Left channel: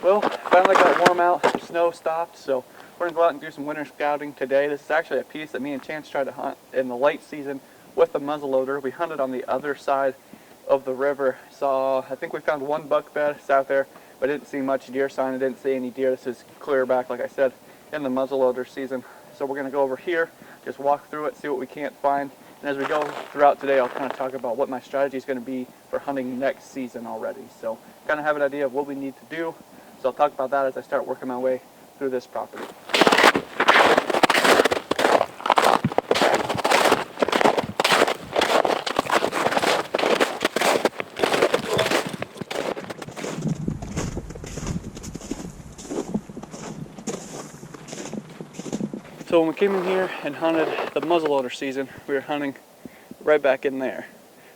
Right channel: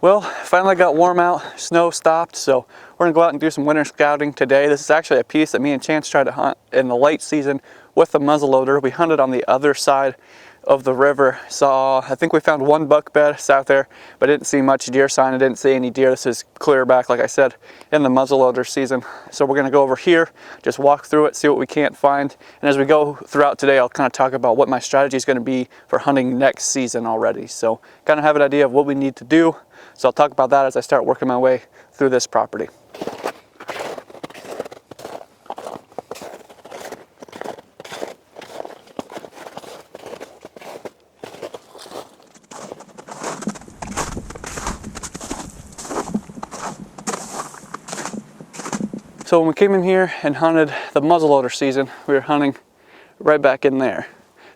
Well, finally got warm out, snow stopped, so we're gonna go out and do some winter scouting today. This is actually a piece that me and Chance tried to hunt in the late season with the muzzleloader. We hunted on the other side of the river. I think we found one buck bed out there, but didn't see much deer sign. I didn't see any deer. This is clear back, like I said, in the muzzleloader season. So we're gonna go over here, just walk through it, see what we can't find. And as we go throughout today, I'll kind of talk about what my strategy is gonna be for hunting next season already. So kind of have an idea of what we need to do. So I'll talk about that as I start working my way through this property. So when we came in here and hunted the muzzleloader season, we were hunting right back in there.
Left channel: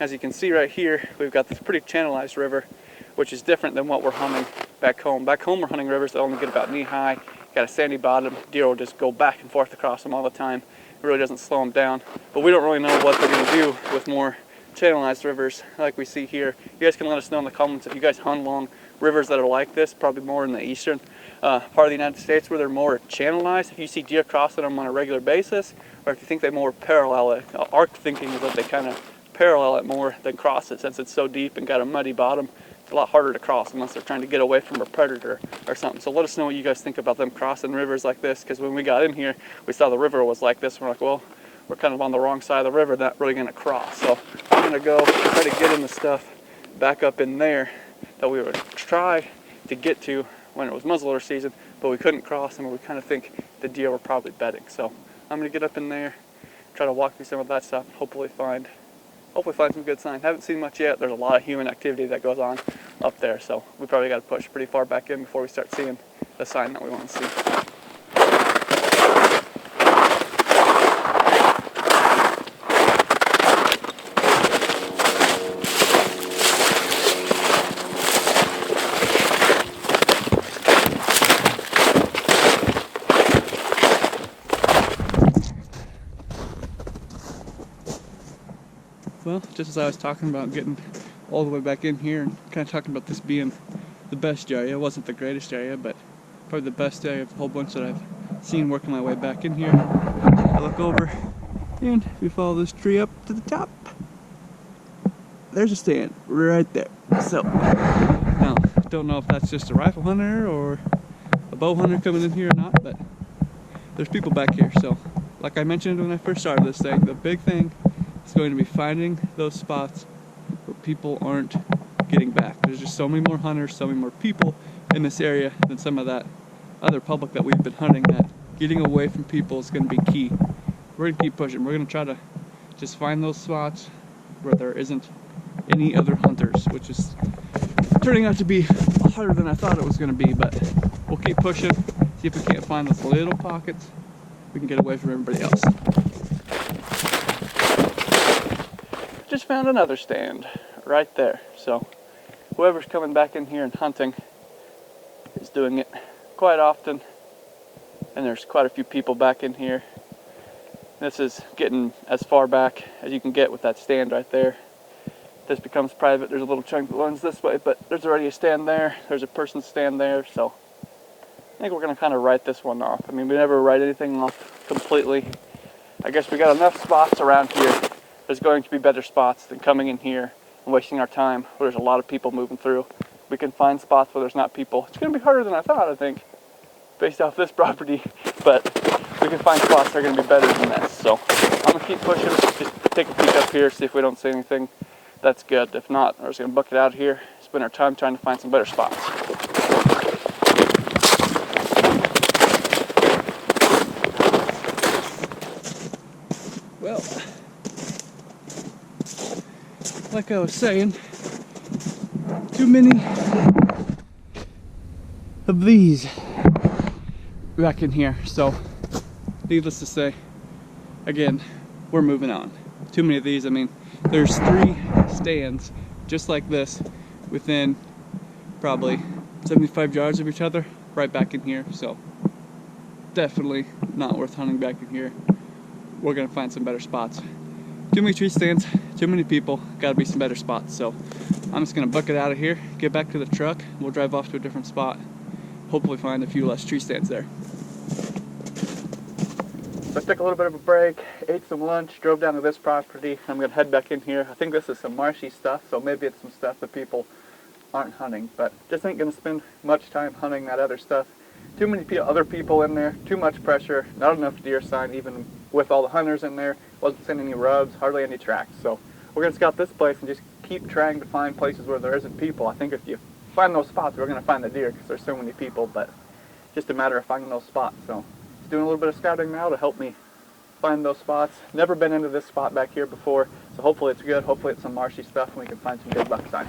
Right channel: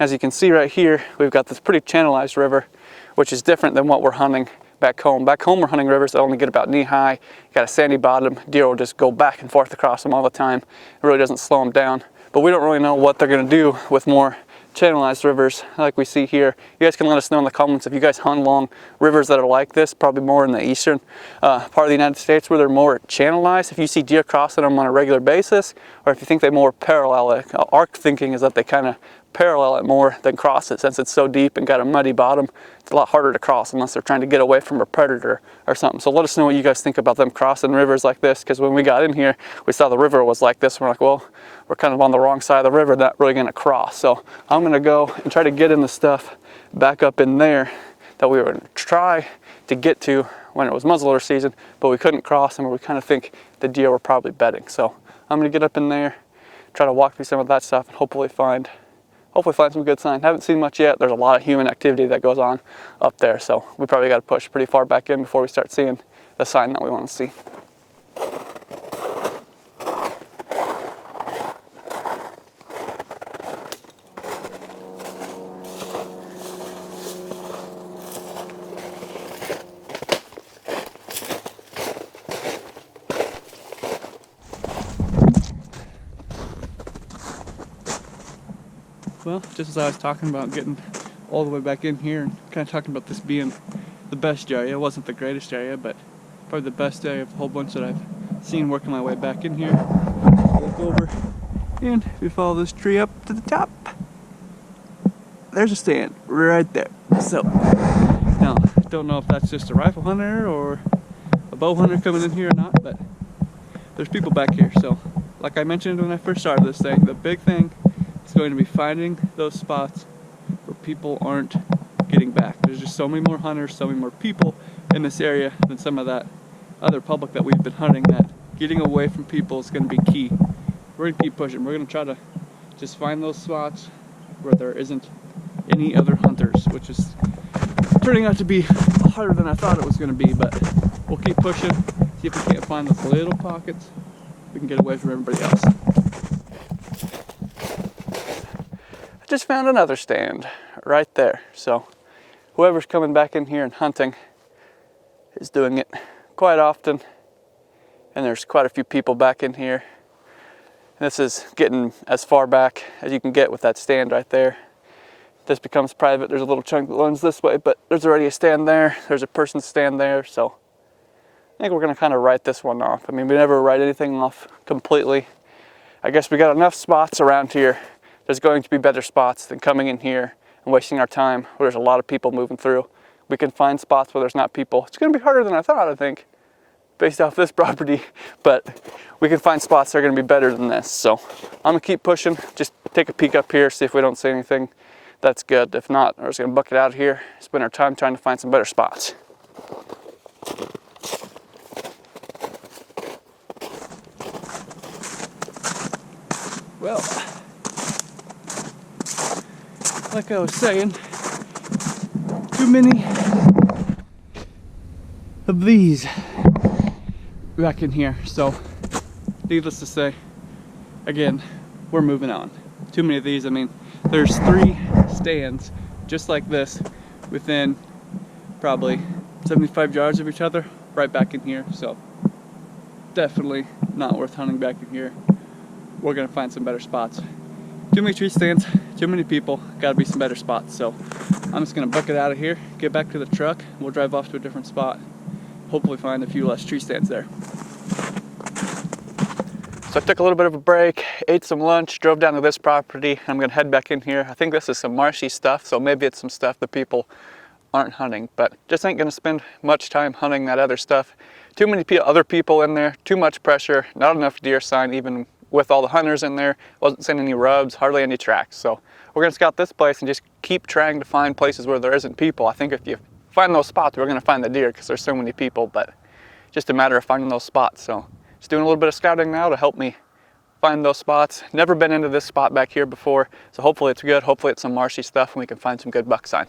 As you can see right here, we've got this pretty channelized river, which is different than what we're hunting back home. Back home we're hunting rivers that only get about knee high, got a sandy bottom, deer will just go back and forth across them all the time. It really doesn't slow them down. But we don't really know what they're gonna do with more channelized rivers like we see here. You guys can let us know in the comments if you guys hunt along rivers that are like this, probably more in the eastern part of the United States where they're more channelized. If you see deer crossing them on a regular basis, or if you think they more parallel it. Our thinking is that they kind of parallel it more than cross it. Since it's so deep and got a muddy bottom, it's a lot harder to cross unless they're trying to get away from a predator or something. So let us know what you guys think about them crossing rivers like this, because when we got in here, we saw the river was like this. We're like, well, we're kind of on the wrong side of the river, not really gonna cross. So I'm gonna go try to get in the stuff back up in there that we were gonna try to get to when it was muzzleloader season, but we couldn't cross and we kind of think the deer were probably bedding. So I'm gonna get up in there, try to walk through some of that stuff and hopefully find some good sign. Haven't seen much yet. There's a lot of human activity that goes on up there, so we probably got to push pretty far back in before we start seeing the sign that we want to see. Well, just as I was talking about getting all the way back in here and kind of talking about this being the best area, it wasn't the greatest area, but probably the best area of a whole bunch that I've seen working my way back in here. I look over, and if you follow this tree up to the top, there's a stand right there. So, now, don't know if that's just a rifle hunter or a bow hunter coming in here or not, but there's people back here. So, like I mentioned when I first started this thing, the big thing is going to be finding those spots where people aren't getting back. There's just so many more hunters, so many more people in this area than some of that other public that we've been hunting, that getting away from people is going to be key. We're going to keep pushing. We're going to try to just find those spots where there isn't any other hunters, which is turning out to be harder than I thought it was going to be, but we'll keep pushing, see if we can't find those little pockets we can get away from everybody else. Just found another stand right there. So whoever's coming back in here and hunting is doing it quite often, and there's quite a few people back in here. This is getting as far back as you can get with that stand right there. This becomes private. There's a little chunk that runs this way, but there's already a stand there. There's a person's stand there, so I think we're gonna kind of write this one off. I mean, we never write anything off completely. I guess we got enough spots around here. There's going to be better spots than coming in here and wasting our time where there's a lot of people moving through. We can find spots where there's not people. It's going to be harder than I thought, I think, based off this property, but we can find spots that are going to be better than this. So I'm going to keep pushing, just take a peek up here, see if we don't see anything. That's good. If not, we're just going to buck it out here, spend our time trying to find some better spots. Well, like I was saying, too many of these back in here. So, needless to say, again, we're moving on. Too many of these. I mean, there's 3 stands just like this within probably 75 yards of each other right back in here. So, definitely not worth hunting back in here. We're gonna find some better spots. Too many tree stands, too many people, gotta be some better spots. So I'm just gonna buck it out of here, get back to the truck, we'll drive off to a different spot hopefully find a few less tree stands there. So I took a little bit of a break, ate some lunch, drove down to this property. I'm gonna head back in here. I think this is some marshy stuff, so maybe it's some stuff that people aren't hunting, but just ain't gonna spend much time hunting that other stuff. Too many other people in there, too much pressure, not enough deer sign even with all the hunters in there. Wasn't seeing any rubs, hardly any tracks. So we're gonna scout this place and just keep trying to find places where there isn't people. I think if you find those spots, we're gonna find the deer because there's so many people, but just a matter of finding those spots. So just doing a little bit of scouting now to help me find those spots. Never been into this spot back here before, so hopefully it's good. Hopefully it's some marshy stuff and we can find some good buck sign.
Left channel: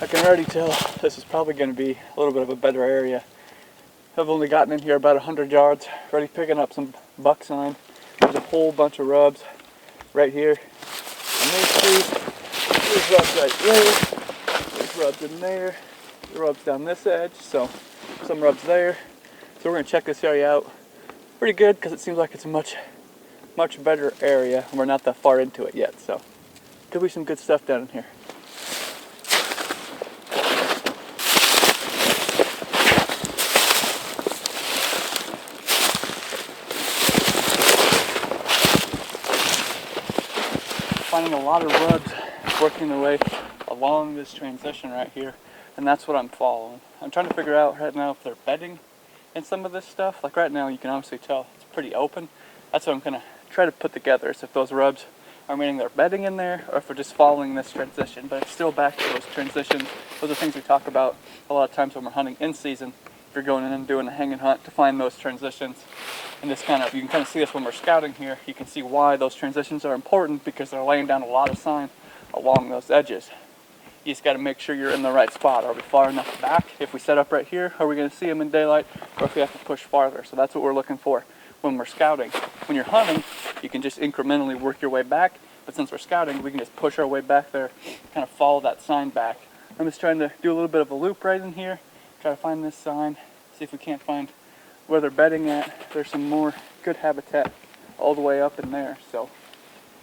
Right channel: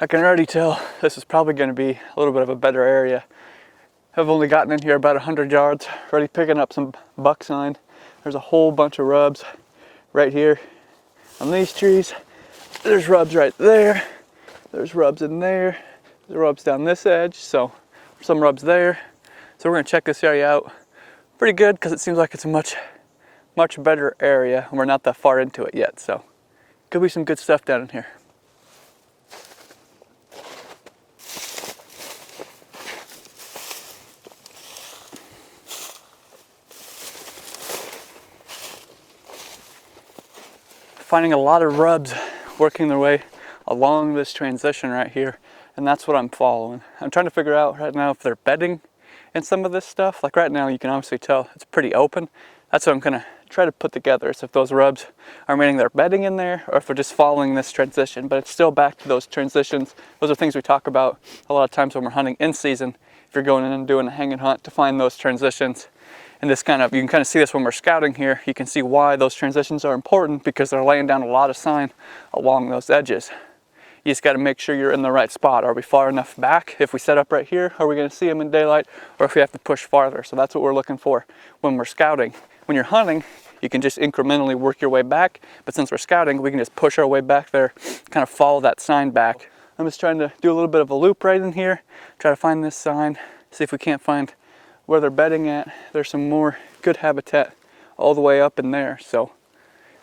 I can already tell this is probably going to be a little bit of a better area. I've only gotten in here about 100 yards, already picking up some buck sign. There's a whole bunch of rubs right here on these trees. There's rubs right there. There's rubs in there. There's rubs down this edge, so some rubs there. So we're going to check this area out. Pretty good because it seems like it's a much better area and we're not that far into it yet, so could be some good stuff down in here. Finding a lot of rubs working their way along this transition right here, and that's what I'm following. I'm trying to figure out right now if they're bedding in some of this stuff. Like right now you can obviously tell it's pretty open. That's what I'm gonna try to put together, is if those rubs are meaning they're bedding in there or if they're just following this transition. But it's still back to those transitions. Those are things we talk about a lot of times when we're hunting in season. If you're going in and doing a hanging hunt, to find those transitions. And this you can kind of see this when we're scouting here. You can see why those transitions are important, because they're laying down a lot of sign along those edges. You just got to make sure you're in the right spot. Are we far enough back? If we set up right here, are we going to see them in daylight? Or if we have to push farther? So that's what we're looking for when we're scouting. When you're hunting, you can just incrementally work your way back. But since we're scouting, we can just push our way back there, kind of follow that sign back. I'm just trying to do a little bit of a loop right in here, try to find this sign, see if we can't find where they're bedding at. There's some more good habitat all the way up in there, so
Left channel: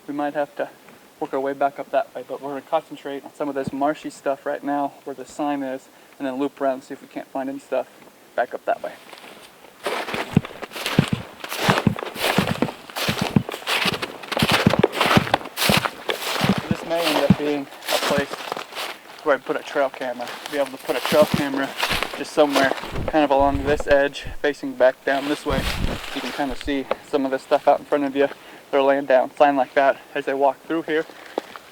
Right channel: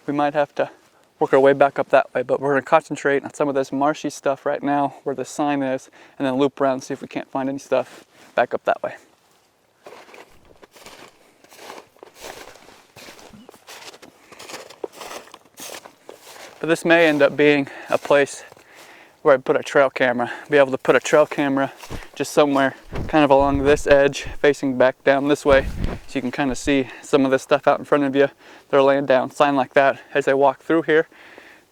we might have to work our way back up that way, but we're going to concentrate on some of this marshy stuff right now where the sign is, and then loop around and see if we can't find any stuff back up that way. So this may end up being a place where I put a trail camera, be able to put a trail camera just somewhere kind of along this edge facing back down this way, so you can kind of see some of this stuff out in front of you. They're laying down sign like that as they walk through here.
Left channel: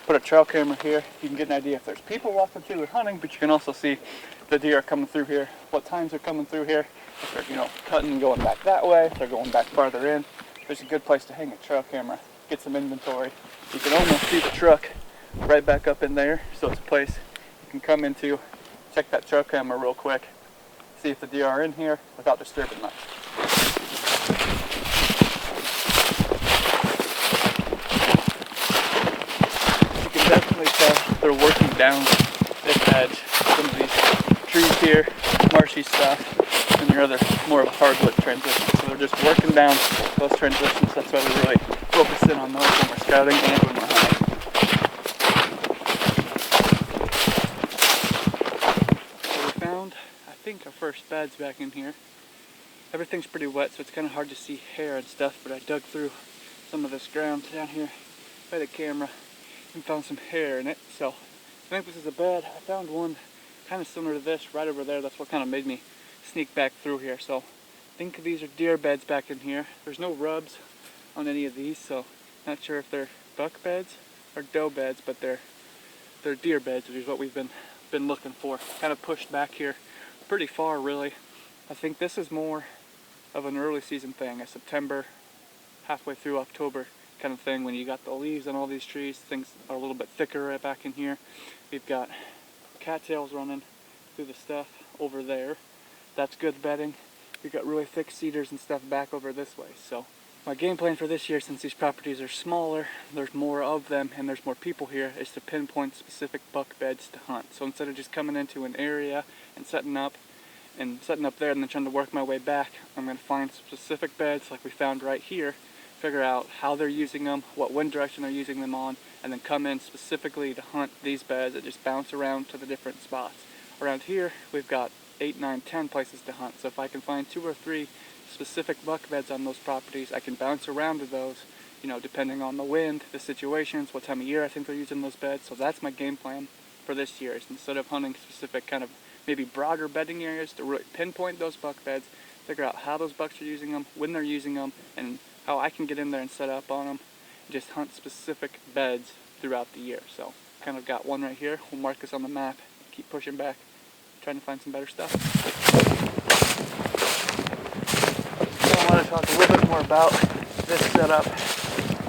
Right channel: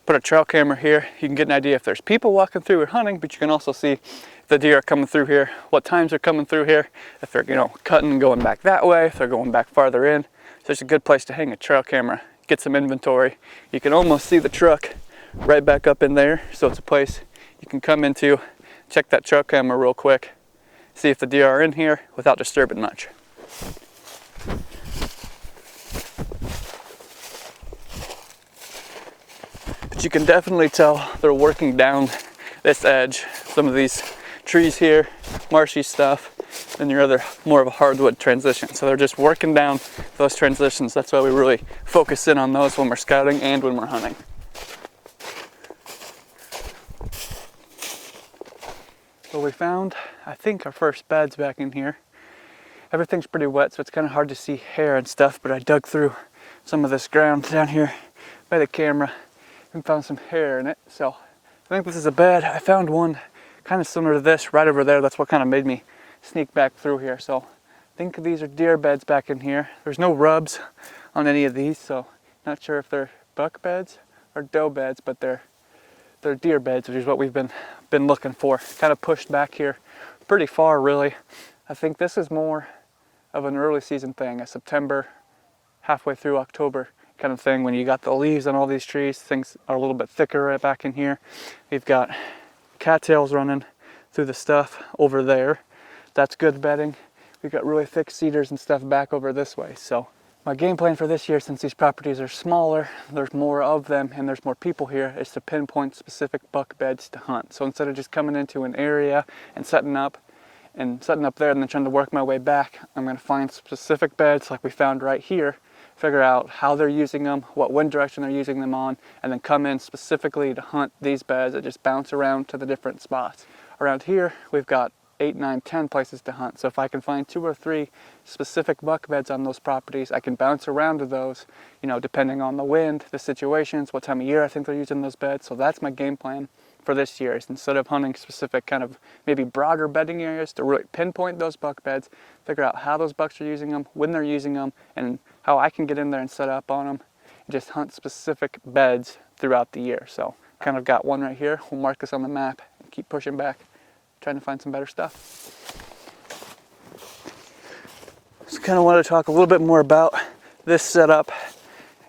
Put a trail camera here, you can get an idea if there's people walking through or hunting, but you can also see the deer are coming through here, what times they're coming through here, if they're cutting and going back that way, if they're going back farther in. So it's a good place to hang a trail camera, get some inventory. You can almost see the truck right back up in there, so it's a place you can come into, check that trail camera real quick, see if the deer are in here without disturbing much. But you can definitely tell they're working down this edge. Some of these trees here, marshy stuff, and your other more of a hardwood transition. So they're just working down those transitions. That's why we really focus in on those when we're scouting and when we're hunting. So we found, I think, our first beds back in here. Everything's pretty wet, so it's kind of hard to see hair and stuff, but I dug through some of this ground down here by the camera and found some hair in it. So I think this is a bed. I found one kind of similar to this right over there. That's what kind of made me sneak back through here. So I think these are deer beds back in here. There's no rubs on any of these, so not sure if they're buck beds or doe beds, but they're deer beds, which is what we've been looking for. Kind of pushed back here pretty far, really. I think this is more of an early season thing, a September, halfway through October kind of thing, when you got the leaves on all these trees. Things are a little bit thicker right back in here. We've got cattails running through the stuff over there. That's good bedding. We've got really thick cedars and stuff back over this way. So My game plan for this year, since these properties are smaller, there's more of them, and there's more people here, is to pinpoint specific buck beds to hunt. So instead of just coming into an area and setting up there and then trying to work my way back, I'm going to find specific beds like we found right here, figure out how they're using them, what wind direction they're using them on, and then come in specifically to hunt these beds that just bounce around to the different spots. Around here, we've got 8, 9, 10 places to hunt. So if I can find 2 or 3 specific buck beds on those properties, I can bounce around to those, you know, depending on the wind, the situations, what time of year I think they're using those beds. So that's my game plan for this year, is instead of hunting specific kind of maybe broader bedding areas, to really pinpoint those buck beds, figure out how those bucks are using them, when they're using them, and how I can get in there and set up on them, and just hunt specific beds throughout the year. So kind of got one right here. We'll mark this on the map and keep pushing back, trying to find some better stuff. Just kind of want to talk a little bit more about this setup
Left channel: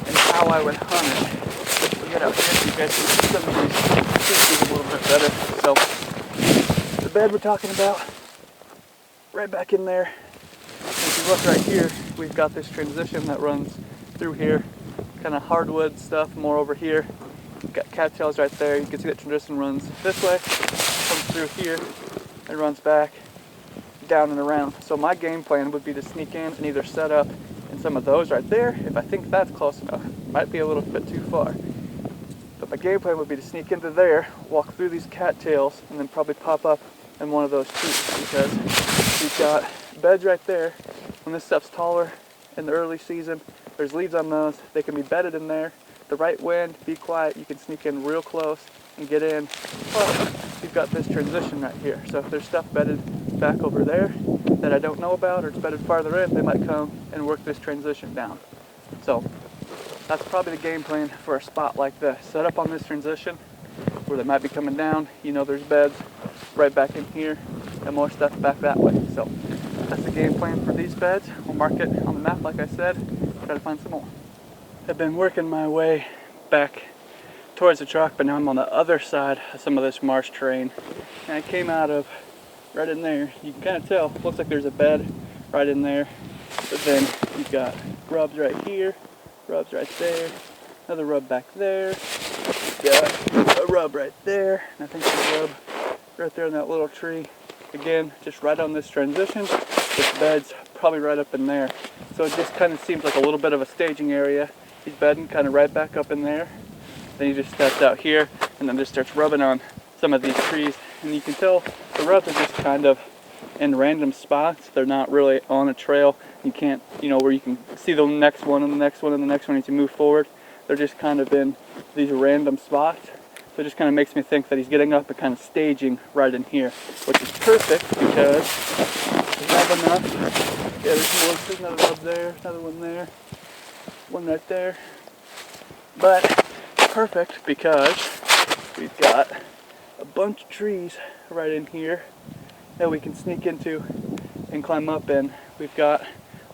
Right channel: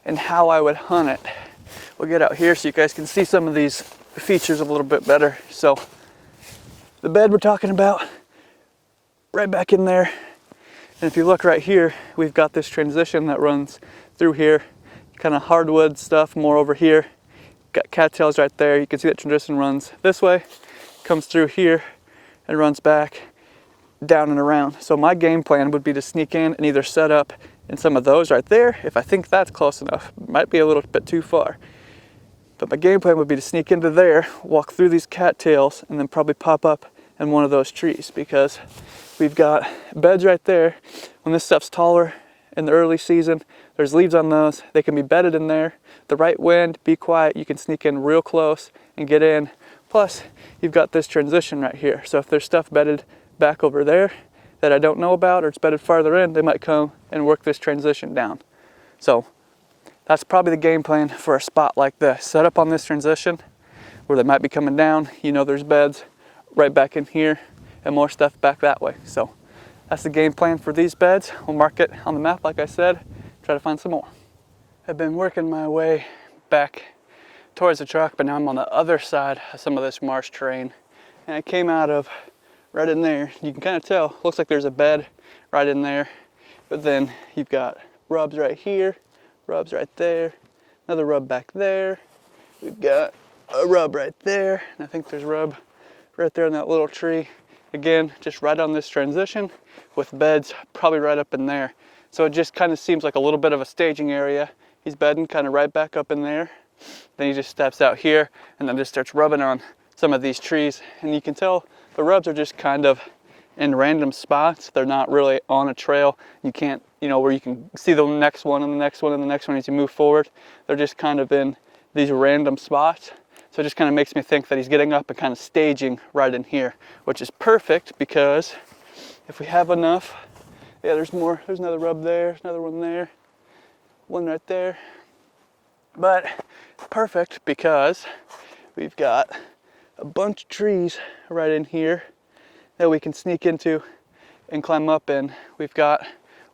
and how I would hunt it. We'll get out here so you guys can see some of these features a little bit better. So the bed we're talking about, right back in there. And if you look right here, we've got this transition that runs through here, kind of hardwood stuff more over here. You've got cattails right there. You can see that transition runs this way, comes through here, and runs back down and around. So my game plan would be to sneak in and either set up in some of those right there, if I think that's close enough. Might be a little bit too far. But my game plan would be to sneak into there, walk through these cattails, and then probably pop up in one of those trees, because we've got beds right there. When this stuff's taller in the early season, there's leaves on those. They can be bedded in there. The right wind, be quiet, you can sneak in real close and get in. Plus, you've got this transition right here. So if there's stuff bedded back over there that I don't know about, or it's bedded farther in, they might come and work this transition down. So that's probably the game plan for a spot like this. Set up on this transition where they might be coming down. You know there's beds right back in here and more stuff back that way. So that's the game plan for these beds. We'll mark it on the map like I said, try to find some more. I've been working my way back towards the truck, but now I'm on the other side of some of this marsh terrain. And I came out of right in there. You can kind of tell, looks like there's a bed right in there. But then you've got rubs right here, rubs right there, another rub back there. You've got a rub right there, and I think there's a rub right there in that little tree. Again, just right on this transition with beds probably right up in there. So it just kind of seems like a little bit of a staging area. He's bedding kind of right back up in there. Then he just steps out here and then just starts rubbing on some of these trees. And you can tell the rubs are just kind of in random spots. They're not really on a trail. You can't, you know, where you can see the next one and the next one and the next one as you move forward. They're just kind of in these random spots. So it just kind of makes me think that he's getting up and kind of staging right in here, which is perfect because we have enough. Yeah, there's another rub there, another one there, one right there. But perfect because we've got a bunch of trees right in here that we can sneak into and climb up in. We've got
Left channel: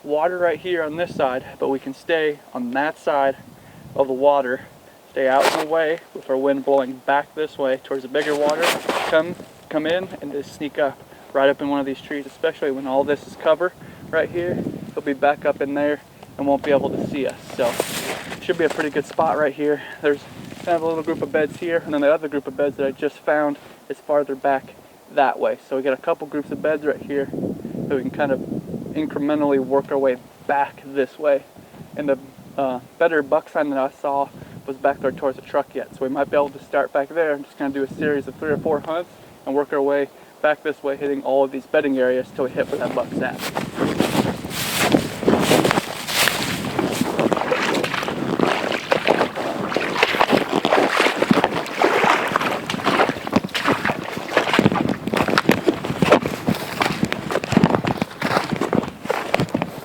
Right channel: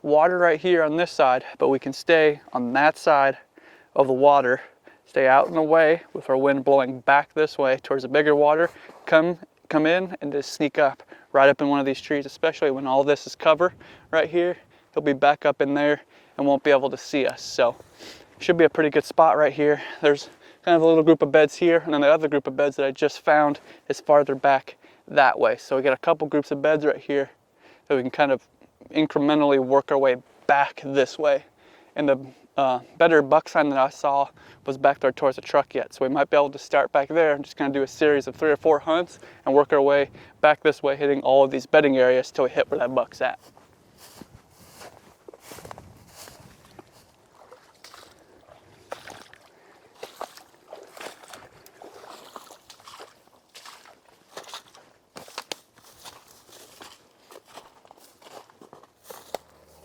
water right here on this side, but we can stay on that side of the water, stay out in the way with our wind blowing back this way towards the bigger water, come in and just sneak up right up in one of these trees, especially when all this is cover right here. He'll be back up in there and won't be able to see us. So should be a pretty good spot right here. There's kind of a little group of beds here, and then the other group of beds that I just found is farther back that way. So we got a couple groups of beds right here that we can kind of incrementally work our way back this way. And the better buck sign that I saw was back there towards the truck yet. So we might be able to start back there and just kind of do a series of 3 or 4 hunts and work our way back this way, hitting all of these bedding areas till we hit where that buck's at.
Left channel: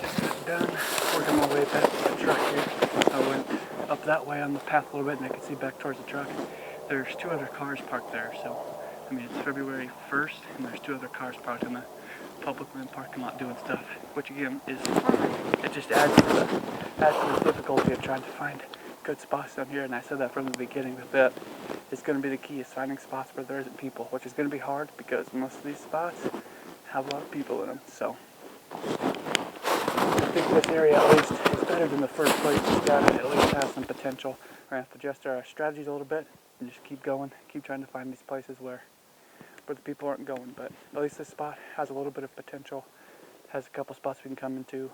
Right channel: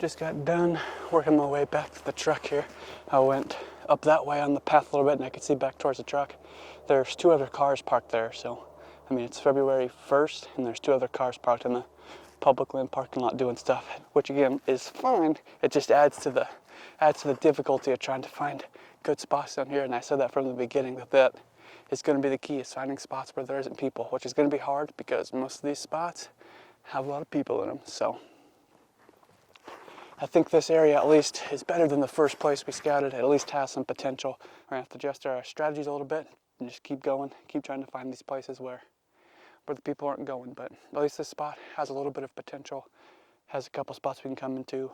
Just got done working my way back to the truck here. I went up that way on the path a little bit and I could see back towards the truck. There's 2 other cars parked there, so I mean it's February 1st and there's 2 other cars parked in the public land parking lot doing stuff, which again is fine. It just adds to the difficulty of trying to find good spots down here. And I said that from the beginning, that is going to be the key, is finding spots where there isn't people, which is going to be hard because most of these spots have a lot of people in them. So I think think this area at least is better than the first place we scouted. It at least has some potential. We're going to have to adjust our strategies a little bit and just keep going, keep trying to find these places where the people aren't going. But at least this spot has a little bit of potential, has a couple spots we can come into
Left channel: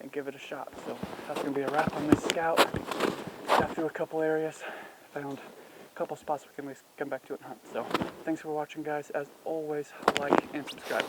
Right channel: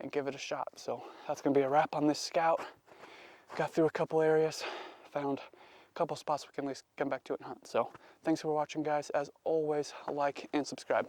and give it a shot. So that's going to be a wrap on this scout. Got through a couple areas, found a couple spots we can at least come back to it and hunt. So thanks for watching, guys. As always, like and subscribe.